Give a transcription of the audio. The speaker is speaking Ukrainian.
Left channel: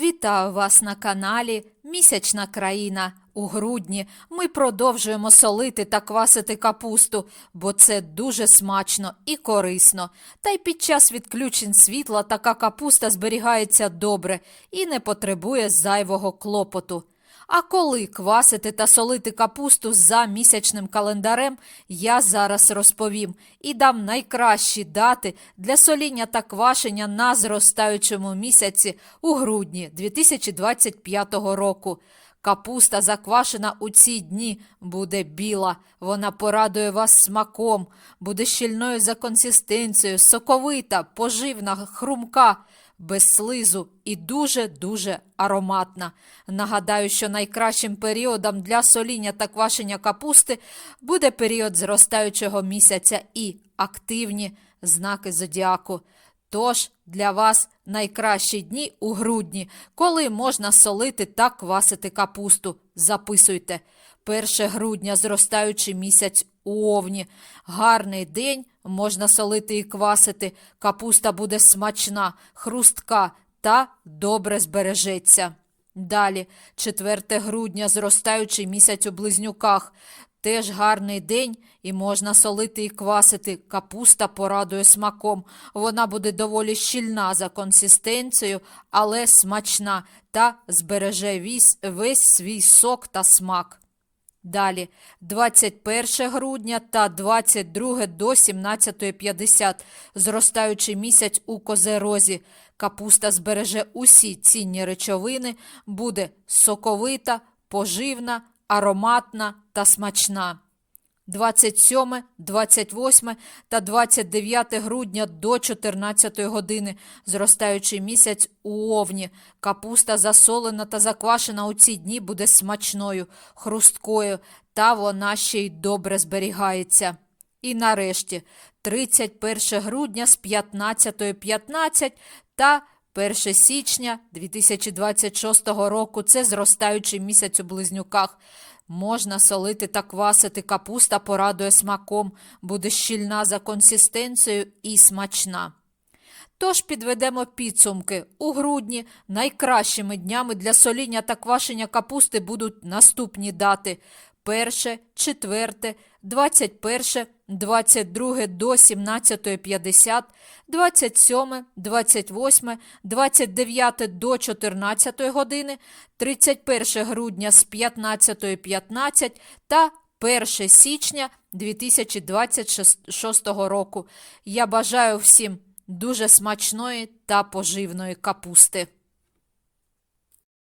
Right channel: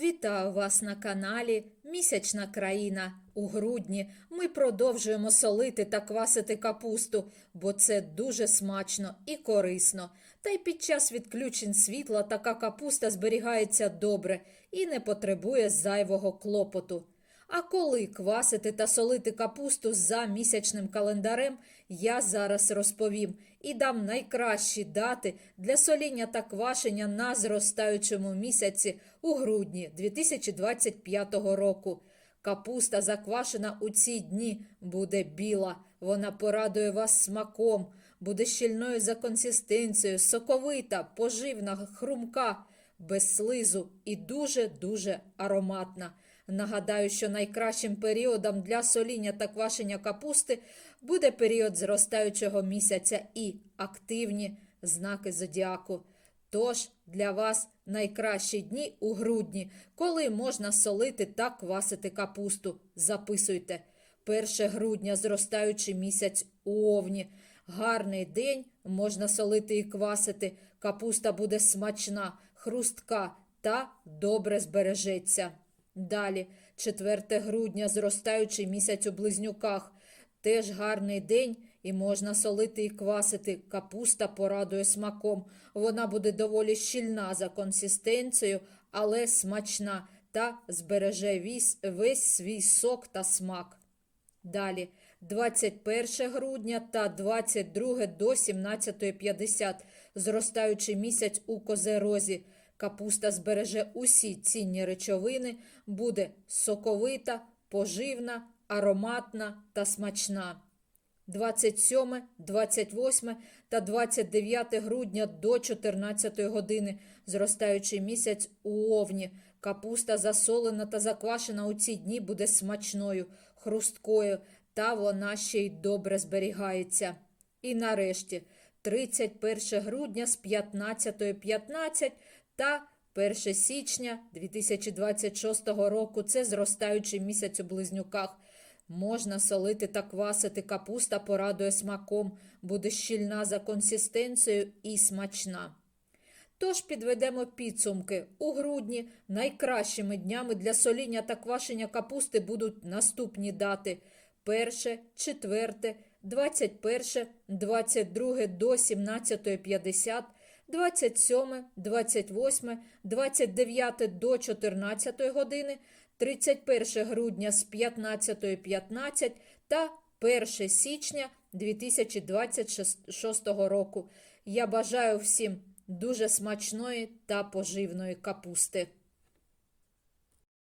Вітаю вас на каналі Місячна країна. У грудні ми продовжуємо солити та квасити капусту, бо це дуже смачно і корисно. Та й під час відключень світла така капуста зберігається добре і не потребує зайвого клопоту. А коли квасити та солити капусту за місячним календарем, я зараз розповім і дам найкращі дати для соління та квашення на зростаючому місяці у грудні 2025 року. Капуста, заквашена у ці дні, буде біла. Вона порадує вас смаком, буде щільною за консистенцією, соковита, поживна, хрумка, без слизу і дуже-дуже ароматна. Нагадаю, що найкращим періодом для соління та квашення капусти буде період зростаючого місяця і активні знаки зодіаку. Тож для вас найкращі дні у грудні, коли можна солити та квасити капусту. Записуйте. 1 грудня зростаючий місяць овні. Гарний день можна солити і квасити. Капуста буде смачна, хрустка та добре збережеться. Далі, 4 грудня, зростаючий місяць у близнюках. Теж гарний день і можна солити і квасити. Капуста порадує смаком. Вона буде доволі щільна за консистенцією, але смачна та збереже весь, весь свій сок та смак. Далі 21 грудня та 22 до 17.50, зростаючий місяць у козерозі. Капуста збереже усі цінні речовини, буде соковита, поживна, ароматна та смачна. 27, 28 та 29 грудня до 14 години, зростаючий місяць у овні. Капуста засолена та заквашена у ці дні буде смачною, хрусткою, та вона ще й добре зберігається. І нарешті 31 грудня з 15.15 .15 та 1 січня 2026 року це зростаючий місяць у близнюках. Можна солити та квасити, капуста порадує смаком, буде щільна за консистенцією і смачна. Тож підведемо підсумки. У грудні найкращими днями для соління та квашення капусти будуть наступні дати: 1, 4, 21, 22 до 17.50, 27, 28, 29 до 14 години, 31 грудня з 15.15 та 1 січня 2026 року. Я бажаю всім дуже смачної та поживної капусти.